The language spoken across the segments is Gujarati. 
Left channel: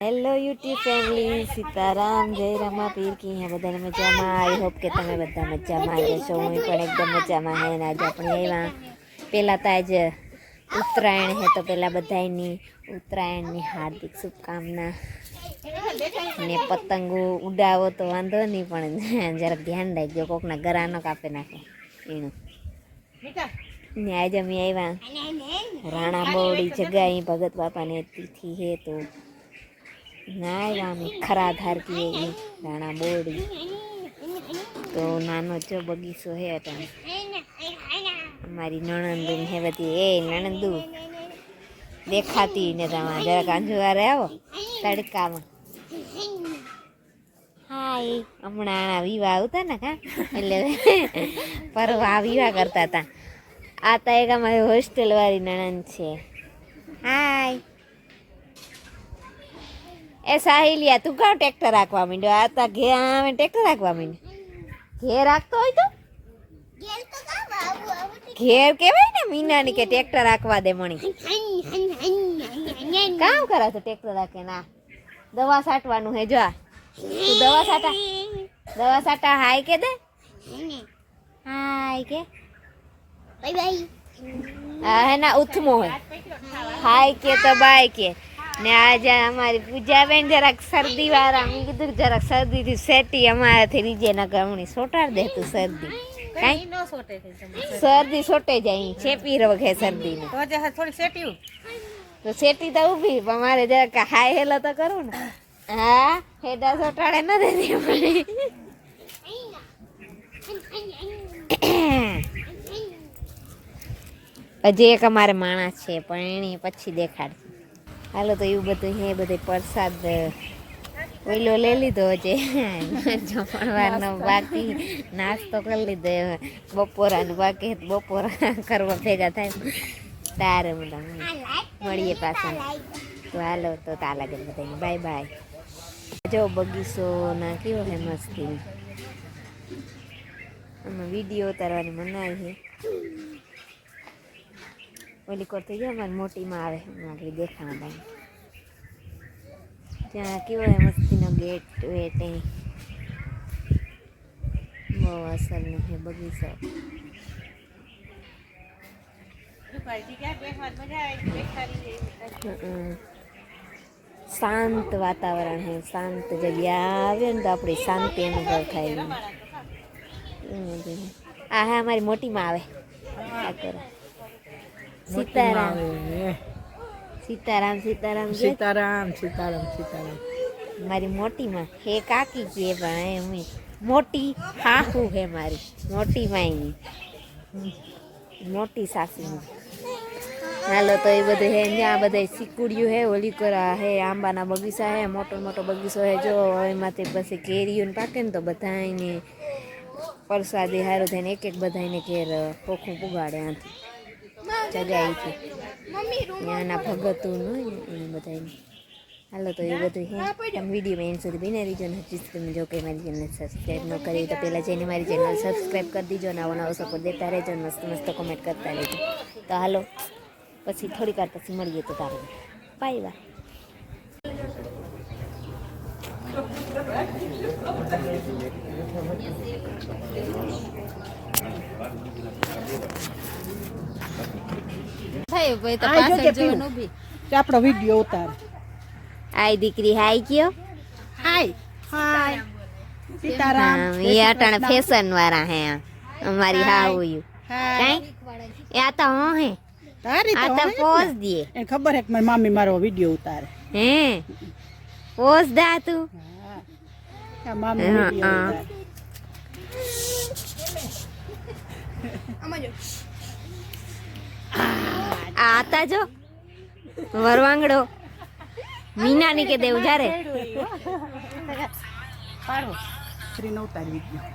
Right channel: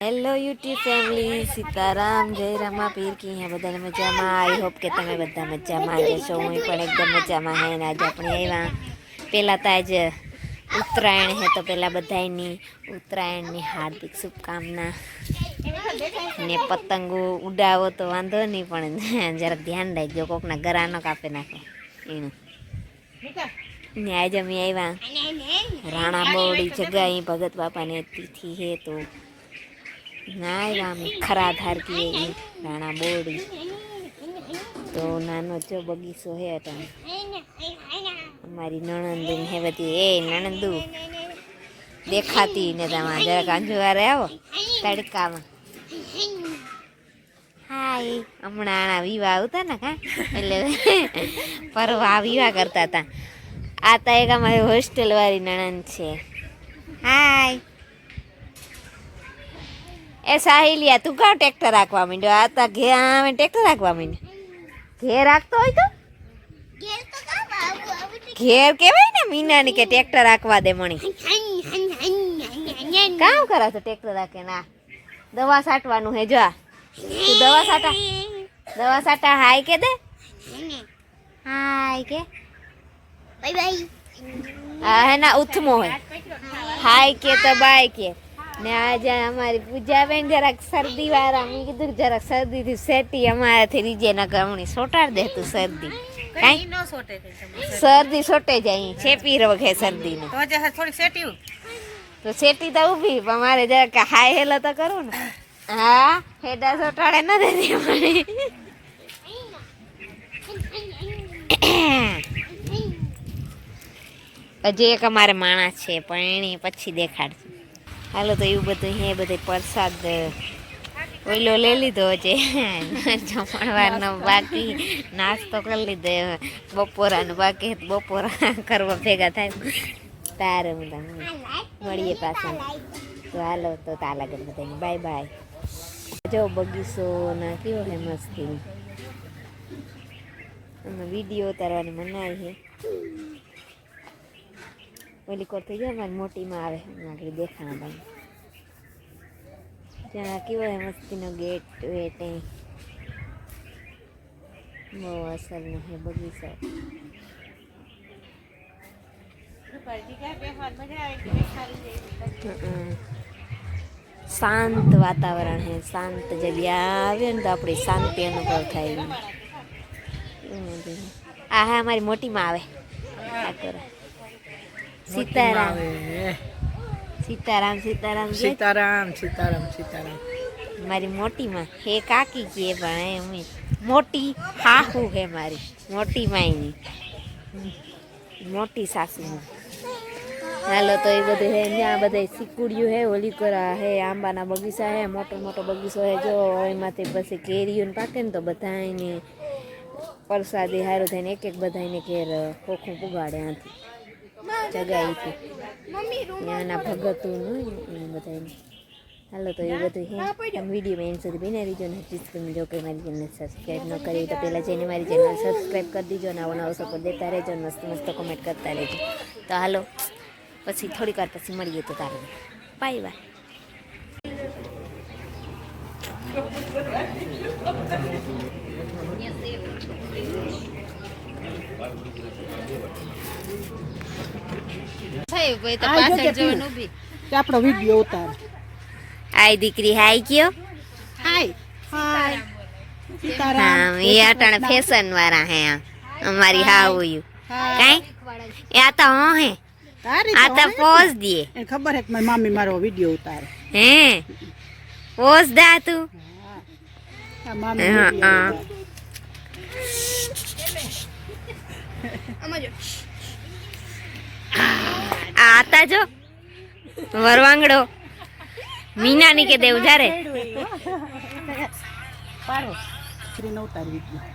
હેલો યુટ્યુબ ફેમિલી, સીતારામ, જય રામા પીર કી હે બધાને મજામાં. આઈ હોપ કે તમે બધા મજામાં જશો. હું પણ એકદમ મજામાં હે. આજે આપણે આવ્યા પહેલાં તો આજે ઉત્તરાયણ હે, તો પહેલાં બધાની ઉત્તરાયણની હાર્દિક શુભકામના. ને પતંગો ઉડાવો તો વાંધો નહીં, પણ જરાક ધ્યાન રાખજો, કોકના ગરા ન કાપે નાખો એનું. ને આજે અમે આવ્યા રાણા બોડી જગાઈ ભગત બાપાને તિથિ હે, તો ના ખરા ધાર કી રાણા બોડી તો નાનો જો બગીચો હે. અમારી નણંદ હે બધી. એ નણંદુ દેખાતી ને તમારે જરાક અંજવારે આવો તડકામાં. હાય, હમણાં વિવાહ આવતા ને કા, એટલે પરવા વિવાહ કરતા હતા. આ તો એક અમારી હોસ્ટેલ વાળી નણંદ છે. હાય એ સાહિલિયા, તું કાં ટ્રેક્ટર રાખવા માંડ્યો? આ તો ઘેર ટ્રેક્ટર રાખવા માંડ્યો. ઘેર રાખતો હોય તો ઘેર કેવાય ને મીનાની કે ટ્રેક્ટર રાખવા દે મણી. કામ કરે છે ટ્રેક્ટર રાખે? ના, દવા છાંટવાનું હે. જો તું દવા છાંટા હાય કે દે. હાય કે બાય બાય. હા હે ના, ઉથમો હોય. હાય કે તો બાય કે. ને આજે અમારી પૂજાબેન જરાક શરદી વાળા, મેં કીધું જરાક શરદી થી સેટી અમારાથી રીજે ન ગમણી સોટાડ દે તું શરદી. શરદી સોટે જાય, છેપી રોગે શરદી ને તો સેટી તો ઉભી, પણ મારે જરાક હાય હેલો તો કરું ને. હા, હેડા સોટાડે ન દેતી મને. હજી એક અમારે માણસ છે, પણ એની પછી દેખાડશે. હાલો, તો એવું બધું હે. બધે પ્રસાદ ઓઈલો લઈ લીધો છે, જમણવારનો બાકી નાસ્તો કરી લીધો, બપોરાનું બાકી બપોરા કરવા ભેગા થાય તારે મળીએ પાછા. તો હાલો, તો તાલા કરી બધાને બાય બાય. જો બગીચો ના કેવો હે મસ્તી. આમાં વિડીયો ઉતારવાની મનાઈ છે. ઓલી કોર થઈ જાય અમારી મોટીમાં આવે, આગળ દેખાણા ભાઈ ત્યાં કેવો હે મસ્તીનો ગેટ. ત્યાં બહુ અસરનો હે બગીચો. શાંત વાતાવરણ હે, શાંત જગ્યા આવે ને તો આપણી શાંતિ અનુભવ થાય. આ હા અમારી મોટીમાં આવે. આ કરો સીતારામ સીતારામ સીતારામ સીતારામ સીતારામ સીતારામ. મારી મોટીમાં હે કાકી કે, પણ એમ મોટી હાહુ હે મારી મોટી માયની મોટી સાસુ. હાલો, તો એ બધું હે. ત્યાં બધા સિકુડિયું હે, ઓલી કરા હે, આંબાના બગીચા હે, મોટો મોટો બગીચો હે. જો એમાંથી પછી કેરીઓ પાકે ને તો બધાને પ્રસાદી હારું થઈને એક એક બધાને ઘેર ખોખું પુગાડે. આથી જગાઈથી ત્યાંના ભગતું હોય ને એને બધાને. હાલો, તો એ બધું હે. તમે વિડીયોમાં એન્ડ સુધી બિના રહીજો ને. હજી તમે જો કે મારી ચેનલ સબસ્ક્રાઈબ ન કરી તો પહેલાં જઈને મારી ચેનલ સબસ્ક્રાઈબ કરી દીજો. નવો નવો સપોર્ટ દેતા રહેજો, મસ્ત મસ્ત કોમેન્ટ કરતા રહેજો. તો હાલો, પછી થોડીક વાર પછી મળીએ. તો તારે બાય બાય. આપણો વિડીયો ઉતાર. આય દીકરી હાય કયો. હાય હાય સીતારામ. એ અટાણે ફેશન વાળા હે અમારી હાઉયું કઈ. એ આ તો હો હે, આ તો પોઝ દે. એને ખબર હે કે મારી મામી મારો વિડીયો ઉતારે. હે પોઝ દા તું. આ મામી વિડીયો ઉતારે. આ હતા જો વરવાંગડો મીનાની કે દેવ જારે પાડો શ્રી નો ઉતાર વિડીયો.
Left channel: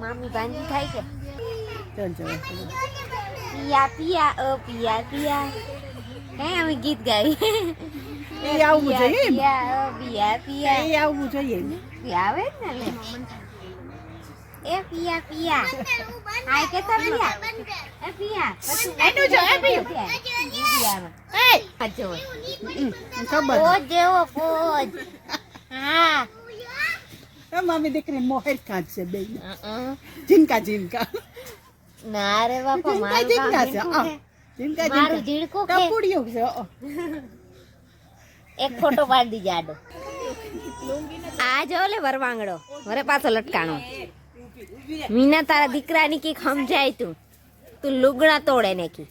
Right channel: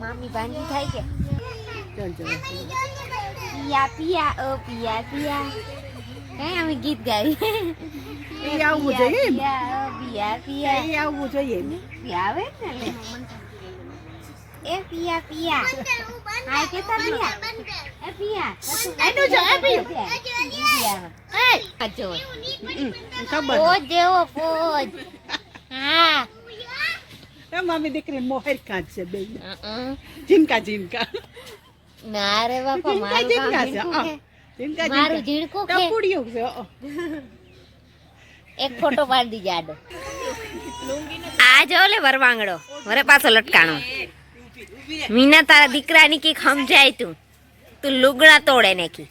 મામી ભાંજી થાય કે ચલ ચલ. પિયા પિયા ઓ પિયા પિયા કઈ અમે ગીત ગાવી. એ આવવું જોઈએ. પિયા ઓ પિયા પિયા એ આવવું જોઈએ. આવે ને લે. એ પિયા પિયા હાય કેતા પિયા એ પિયા પછી વિડિયામાં આ જો ખબર પોજ જેવો પોજ હા એ મમ્મી દીકરી મોહેર કાઢશે બે ઝીનકા ના રે બાપા મારું કામ ઝીણકું છે ઝીનકા મારું ઝીણકું છે ટપુડિયું છે એક ફોટો પાડી દીજે આડો આ જો લે વરવાંગડો વરે પાછો લટકાણો મીના તારા દીકરાની કી સમજાય તું લુગડા તોડે ને કી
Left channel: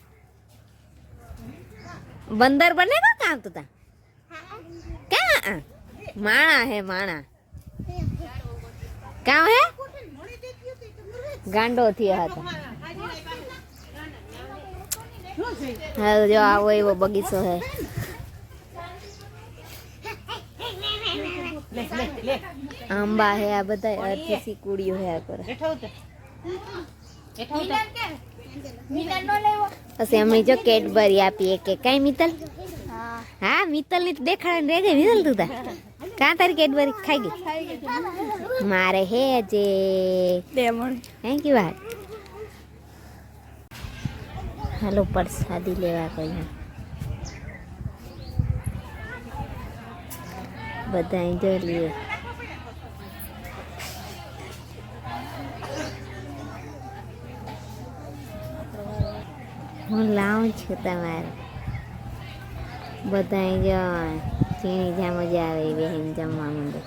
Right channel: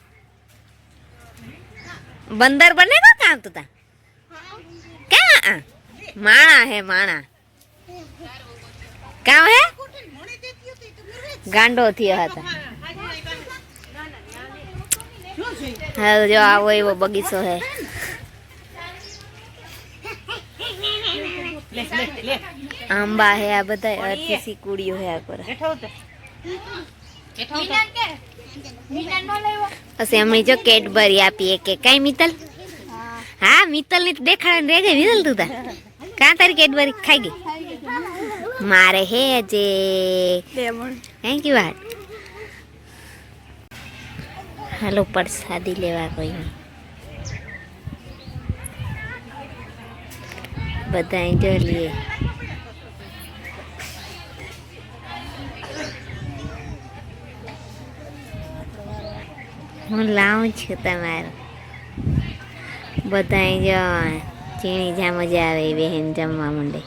બંદર બને કો કામ તું તા ક્યાં માણા હે માણા કામ હે ગાંડો થયો હતા હા જો આવો એવો બગીચો હે આંબા હે આ બધા અડધી સી કુડીઓ હે આ પર પછી હમણાં જો કેડબરી આપી કે કઈ મિત્તલ હા મિત્તલ ની દેખાડ રે ગઈ મિત્તલ તું તા કાં તારી કેડબરી ખાઈ ગઈ મારે હે જે થેન્ક યુ વાત હાલો પ્રસાદી લેવા કોઈ બધા જો લીએ હું લાવું છું તમારું બધા જો ચીણી જ્યાં મજા આવે એ બહેન જમવા માંડે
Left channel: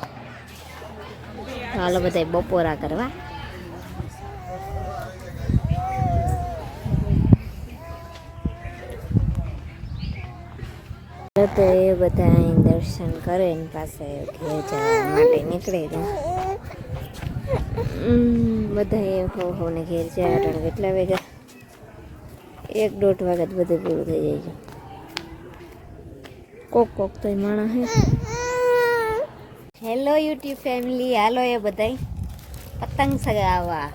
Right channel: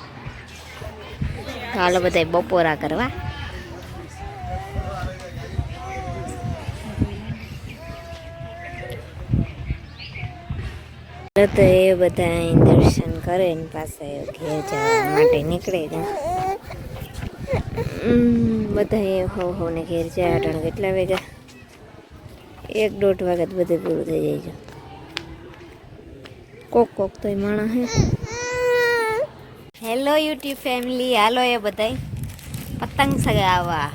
ચાલો બધા બપોરા કરવા તો એ બધા અહીં દર્શન કરે ને પાસે ઘેર જવા માટે નીકળે બધા એ હો ને ઘેર જાય અટાણે કેટલા વાગ્યા 1-1.5 વાગે બધે પૂરું થઈ જાય છે કોક તો એ માણા હે હેલો યુટ્યુબ ફેમિલી હાલો એ બધાય પતંગ સગાવવા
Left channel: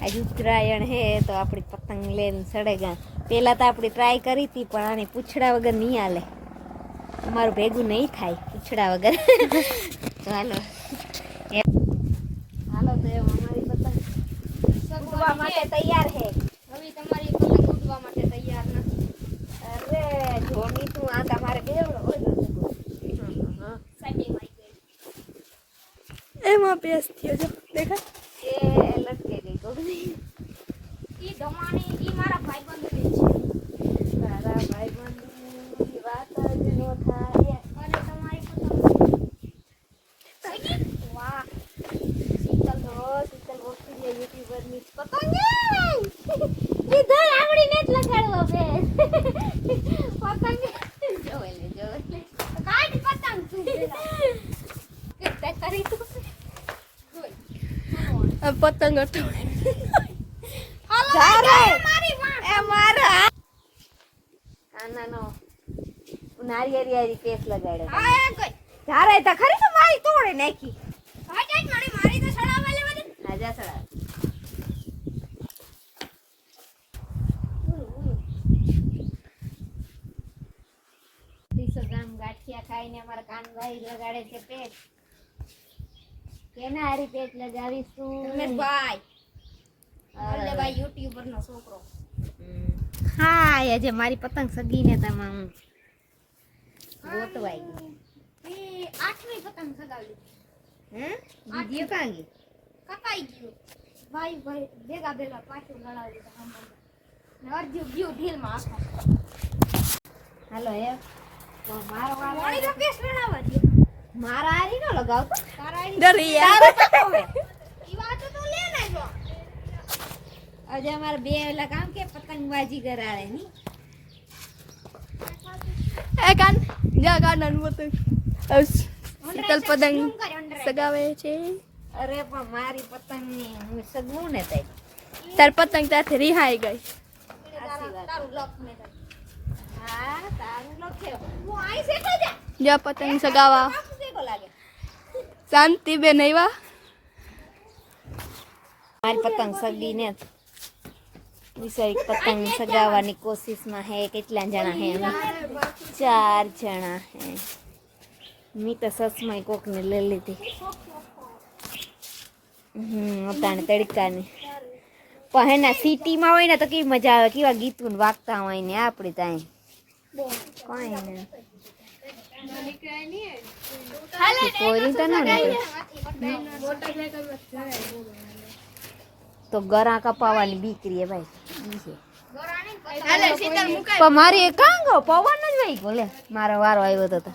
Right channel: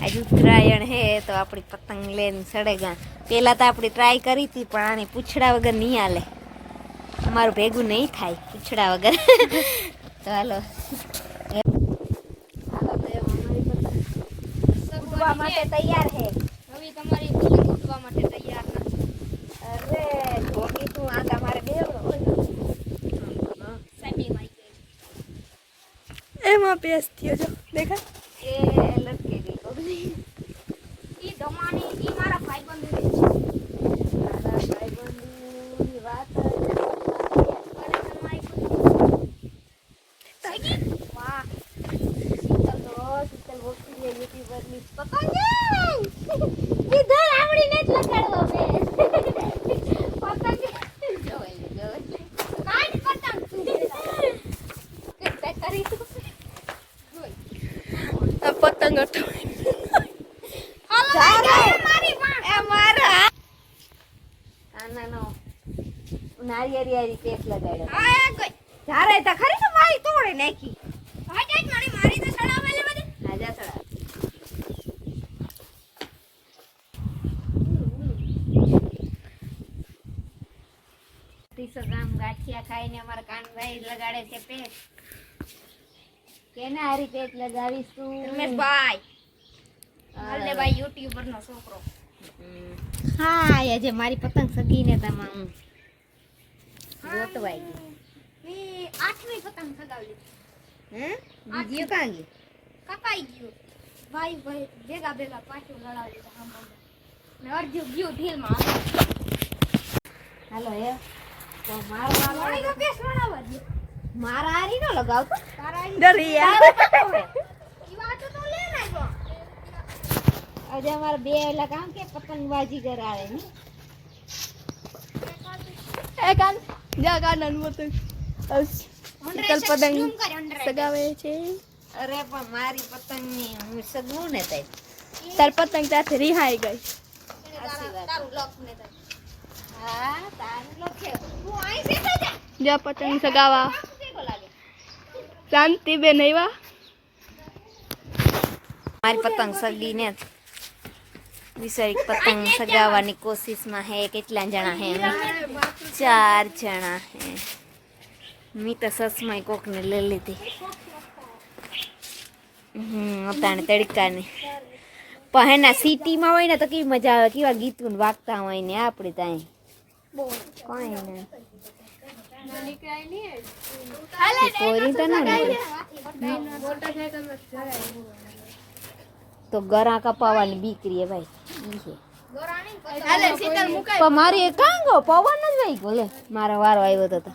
આજ ઉત્તરાયણ હે તો આપણી પતંગ લઈને સડેગા પહેલાં તો આપણી ટ્રાય કરી હતી પણ આને પૂછડા વગર નહીં હાલે અમારું ભેગું નહીં થાય પૂછડા વગર તો હાલો ઉડવા માટે તૈયાર છે હવે તમારી ઉડવા માટે તૈયાર નથી અરે જોડી તું આ તમારે બેવડો એમાં પેસ થયો જો દેખાય એ લટકે ગઈ ઈ ગમાની ઈ મારા ભાઈબંધ છે મારા ભાઈબંધની વાત વાહ ઇધર આવડીને જ લગાડવો બે પતંગ કાઢ પતંગ તું કે કરી તું પતંગ હતો નારિયેરી કેસ લગાડ્યો જારે તો ખરી તો મારી તોડે નાખી મારી તો સડાવા લે બધી રાજા સડા ગામ ગાંઠિયા ખાઈને અમારા કાનભાઈ લગાડે છે પેટ કેના હારી પેટ લગાવીશ તું રમેશભાઈ હલ્લેભાઈ યુટ્યુબર નો છોકરો હા આજે મારી પતંગ સગીને તમામ ગોતવાઈ ગઈ 8મી પતંગ સગાવી બીજી કાંગી કપાઈ ગયું ભાઈ ભેગા પાછું લડાવી દીધા ને અર્જુ ગયું ઢીલમાં હાલો હે તો મારી તો કેસ લડાવવા દે મારા હારી ન લગાવતો તારા હારી ડરી યાર ઈ વાત તો લે ના જો આજે અમારે બે ઓલા કામ કે પતંગબાજી કરાવે ની એ કાન જા ગાર્ડન મોટો શીતલ પતંગ સગાવે છે અરે પણ મારી પતંગ ની હું સગવું ને તઈ તાર પતંગ સાથે રિહાઈ ગઈ તારું લોક ને તઈ હા તારું લોક છે તું આઈ છે તો જા જા પતંગ સગાવા કેવો લાગે શાંતિ બેન આયવા મારી પતંગ સગીને વિચારી પતંગ સગાવવાની કોશિશમાં હે કેટલા જણા હે અમે 4 જણા હે મી તો સસમાઈ કોકને લઈ લીધી અતાણે તડકાની પણ હેના સિટીમાં હોય ને તો કેવી મજા આવે, કેવા ગીતું વાગતા હોય ને આપણે ત્યાં કોઈ ને પોરી તો ન નીકળે તો ગરા કપાવાની બીકરી ભાઈ ઈ છે. પણ મારી કાં ગયો પવન જ ભાઈ બોલે મારો વારો આવ્યો તો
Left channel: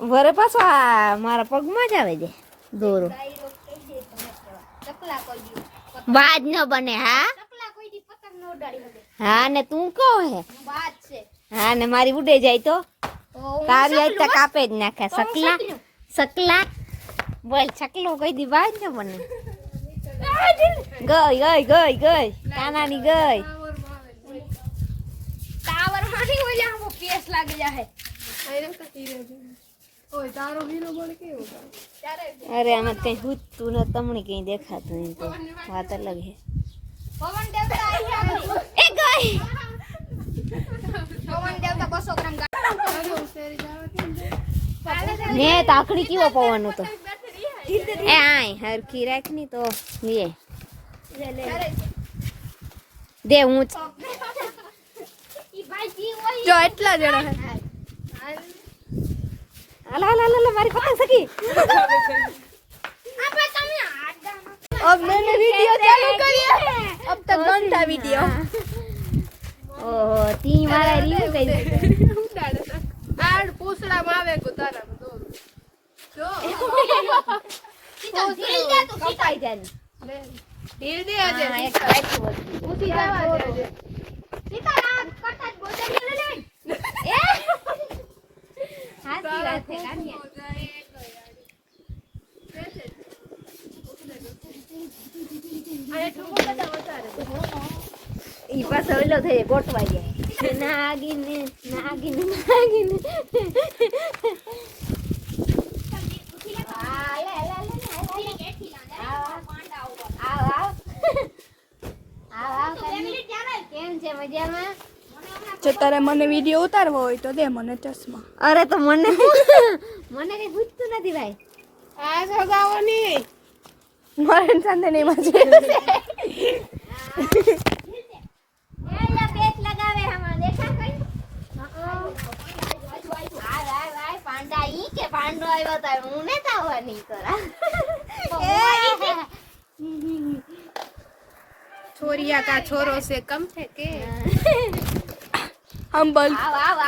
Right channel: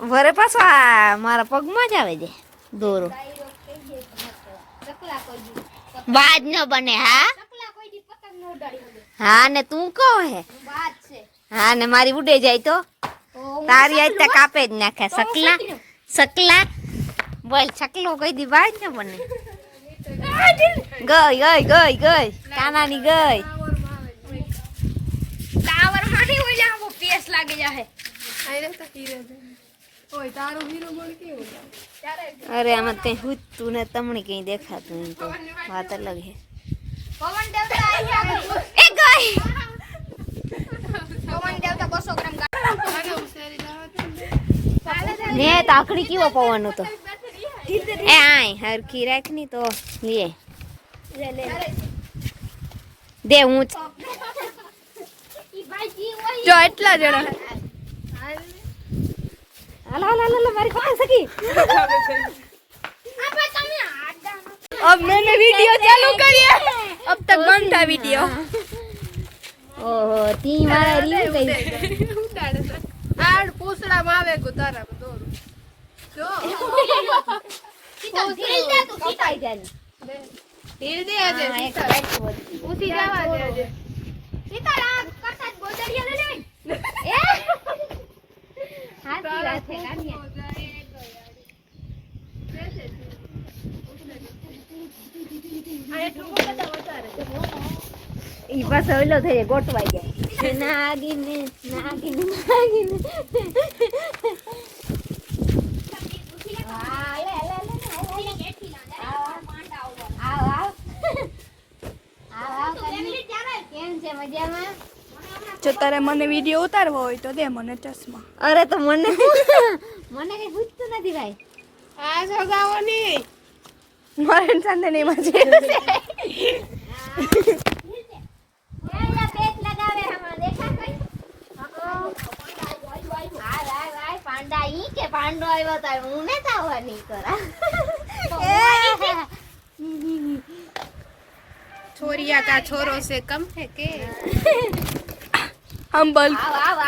વરે પાછો આ મારા પગમાં જ આવે છે દોરો બાજ ન બને. હા ને તું કહો હે હા ને મારી ઉડે જાય તો તારી આજ તક કાપે જ નાખે. સકલા બોલ સકલો કઈ દી બાજ ન બને. ગઈ કાનાની ગઈ ટાવર માં નહીં હોય જા વો પેસ લાગી જાહે. આઈ તો હીરો ઓય તારો હીરો બન કેવો જાવ. અરે આમાં કઈ હુતું ને તમને કઈ દેખાતું એમ તો વાત અલગ હે. પવન દેવતા આવી આગળ એ ગઈ પવન દેવતા 200 ગ્રામ અરે ઉસેરી જાવ ને તાકડી કેવો પવન હતો એ આય હરખી રાખની તો લે દે હું જો એટલા જણા હે. હાલો મારી પતંગ સકી. अब मैंने वीडियो चालू करी है, अब तक बंद था वीडियो. ઓહો તી મારી ગઈ आड़ पूछड़ा मावे को तारा को दो जो કપાઈ જાય ढील दे अजे उसी जावा दे अजे सीताराम कटक बोजरिया ले जाई હાથી રાતે કાઢ્યા अरे तू को बता ઈ પાછો ઓલો થઈ ગોટવાઈ જાય નાગીને કેમ છે મજામાં? જો તારે મને વિડિયો ઉતારવો હોય તો દે મને ચશ્મા. અરે તો મને કઈ પૂછતું નથી ભાઈ. આ સગાવાની મરણ ચાંદની માં છે. પાંડો આવ્યો તો હું ને તાવાની કરા छोरिया का छोरो से कम है के हम बल આવ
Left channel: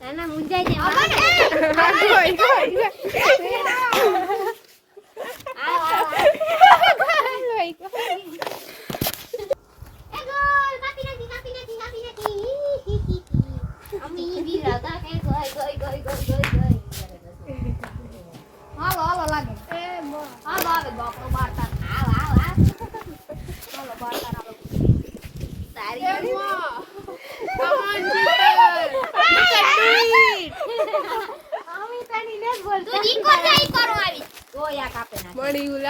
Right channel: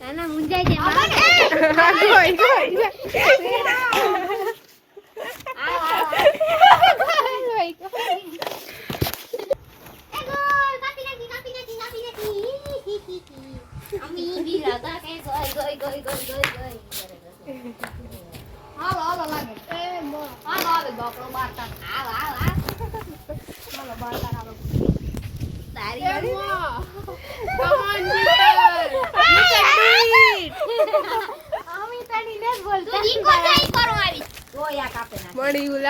નાના મુંજાઈ જાય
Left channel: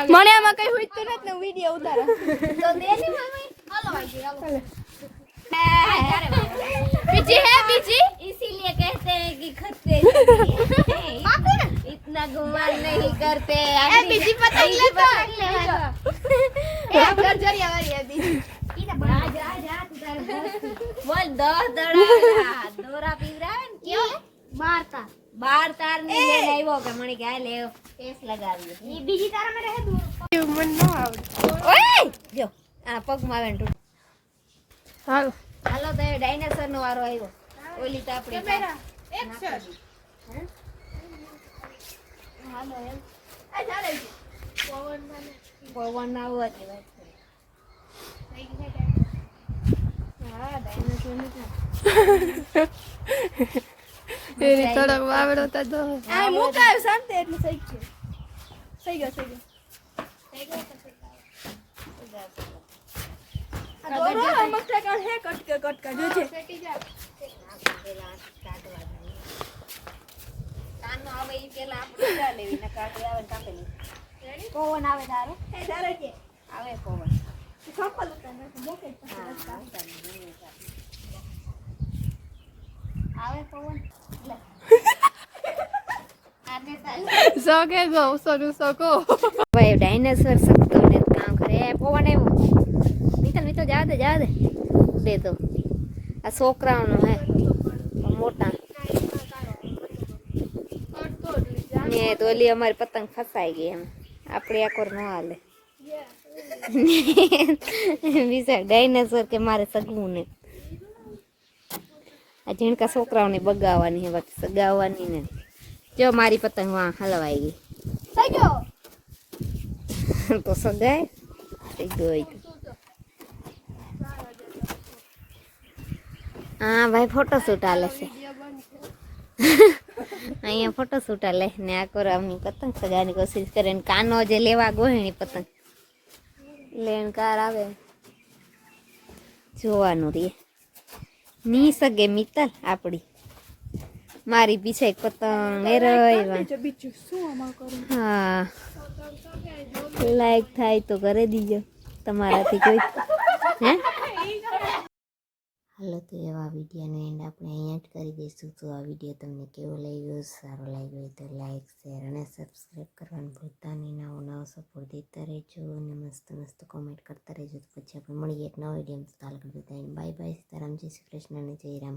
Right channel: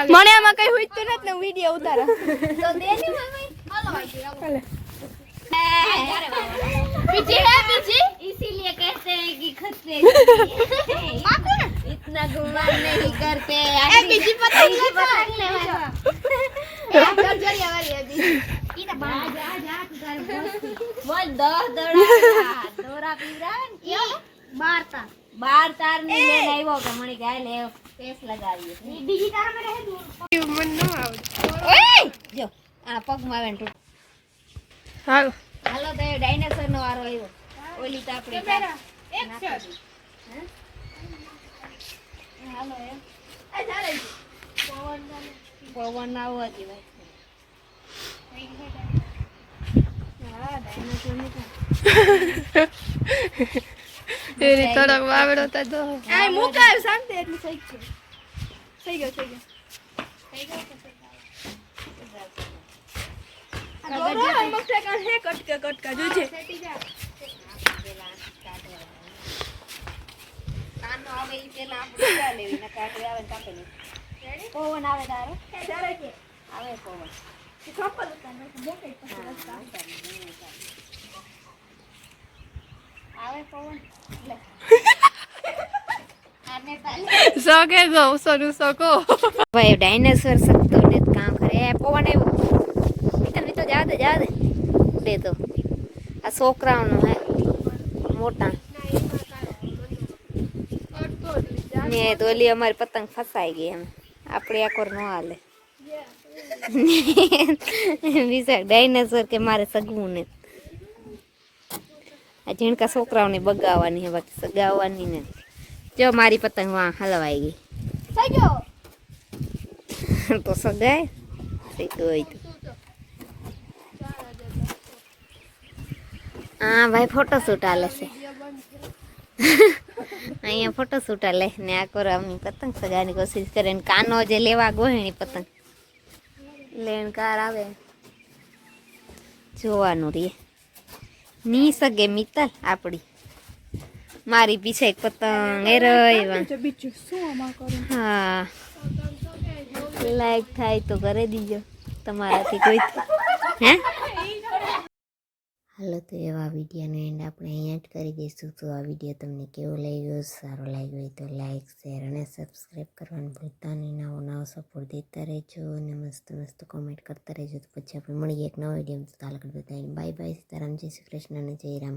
મને આમાં કઈ હોઈતું નથી ને વિડિયો ઉતારા पीछे है पीछे इसीलिए कहते हैं कि खत पे इतना गुमान नहीं करते पीछे पतंग ले आप कर जोरिया वाली अभी ई तो जा बोल दो दोरा पीरा क्यों मारता बार तार नहीं ले नहीं वो के मने क्या ले पेस लगावी ई बीजी तार में रहे दूर मन न आवडे ओए जो आ पग માં વેંટુ હાલો હાલો તો ડાયનાસોર નો વારો આવ્યો ઓલી તો આપણી હાલો એમ આ ચાલે પવન આવો હતી ભાઈ હા ડાયનાસોર ની એની તડક વાવડો તા દો આ મુકા શાંતિ એટલી થઈ છે થઈ ગયો આ મસ્તે કર હે કટકા જોજે કાનો આવે ઈ પેલા આપણે કા લેવી ને કાટે આવે કાપે ની પવન આવે તારો તારે કે આવે પવન કપલ હતા ને જોકે આવે પવન લે सके गो सोनू सको भाई डायनासोर सकतो ने काम करे पवन આવ્યો મિત્ર જા દે ઉડે તો આ છોકરાઓનો હે મોટા ને તો ઓલી અમારી પતંગ ફસાઈ ગઈ એમ આપણે આ કોર નો હાલે વિચાર ડાયનાસોર કે મારે સગવું ને આ ઝીણકા છોકરાઓને બગાવવાની હે બાકી સગાવવાની ને જો મારી પતંગ વાં હલવાઈ ગઈ તો સગાય સીધું હોય તો હા ભાઈ ફોટોશૂટ હાલે છે અહીંયા ફોટોશૂટ હાલે ને આ કરો આમ પતંગ સગાવાની કોશિશ કરે ને કાનો જે લેવા ગોહેણી પતંગ લેણ કાર આવે જોવાનું રે ની સગે મિત્તલ આપડી મારી પીછે એક પતંગ એ રહીવા હા લાઈક થાય તો કરે દીજો તમારાથી કોઈ હે હાલો તો એવા વિડીયોનો એન્ડ આપણે અહીંયા જ કરી દઈશું તો આ વિડીયો તમને કેવો લાગ્યો સારો લાગ્યો હોય તો લાઈક શેર અને સબસ્ક્રાઈબ કરવાનું ભૂલતા નહીં નવો સપોર્ટ દેતા રહેજો અને મસ્ત મસ્ત કોમેન્ટ કરતા રહેજો તો પછી આપણે મળીએ એક નવા વિડીયો તો તાલ કરી બાય બાય સીતારામ જય શ્રી કૃષ્ણ અને જય રામ